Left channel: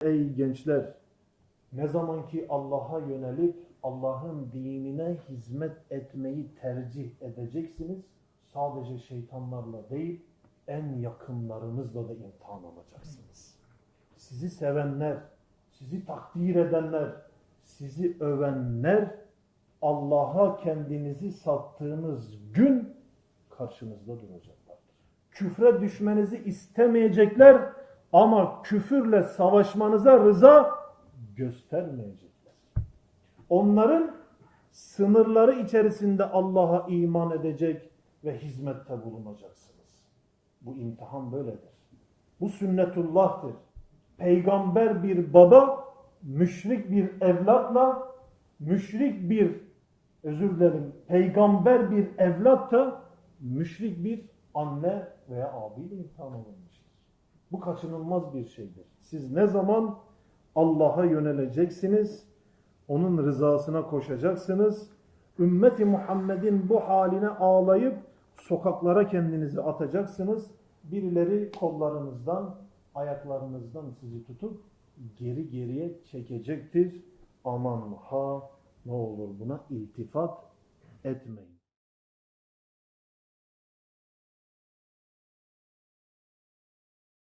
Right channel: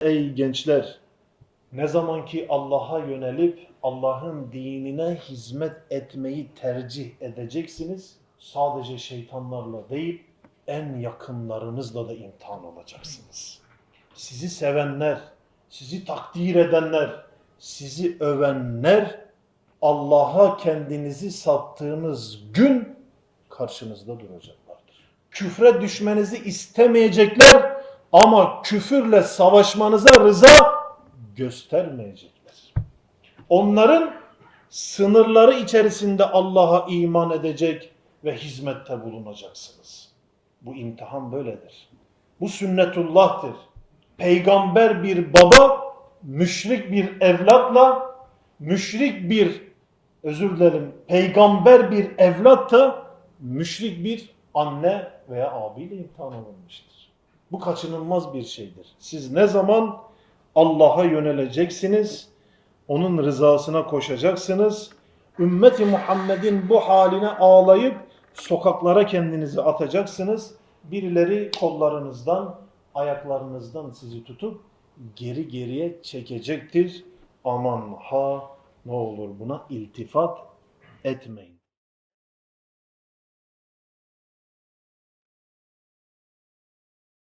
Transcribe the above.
Ey gençler! Ne zaman ki Allah'a yönelip Allah'ın dinine hizmet etmeyi tercih edeceksiniz, sadece şeytanlarla değil, en yakınlarınızla da imtihan olacaksınız. Sizi sevenler, sizi takdir edenler, sizi övenler, Allah'a kendinizi sattığınız gün karşınızda duracaklardır. Küfre düşmenizi istemeyecekler ama küfürle savaşmanıza rıza göstermeyecekler. Onların sınırları içerisinde Allah'a iman edecek ve hizmette bulunacaksınız. Bu imtihan böyledir. Bu sünnetullah'tır. Peygamber bir baba, müşrik bir evlatla, müşrik bir özür dilerim, peygamber bir evlat da müşrik bir anne veya abiyle imtihan olunmuştur. Bu kaçınılmaz bir şeydir. Siz ne zaman Allah'a yöneleceksiniz, onun rızasına koşacaksınız, ümmeti Muhammed'in bu haline ağlayıp sokaklara kendinizi atacaksınız. Birileri kollarınızdan, ayaklarınızdan sizi tutup geri geriye çekecektir. Aman ha ne olur buna iltifat etmeyin.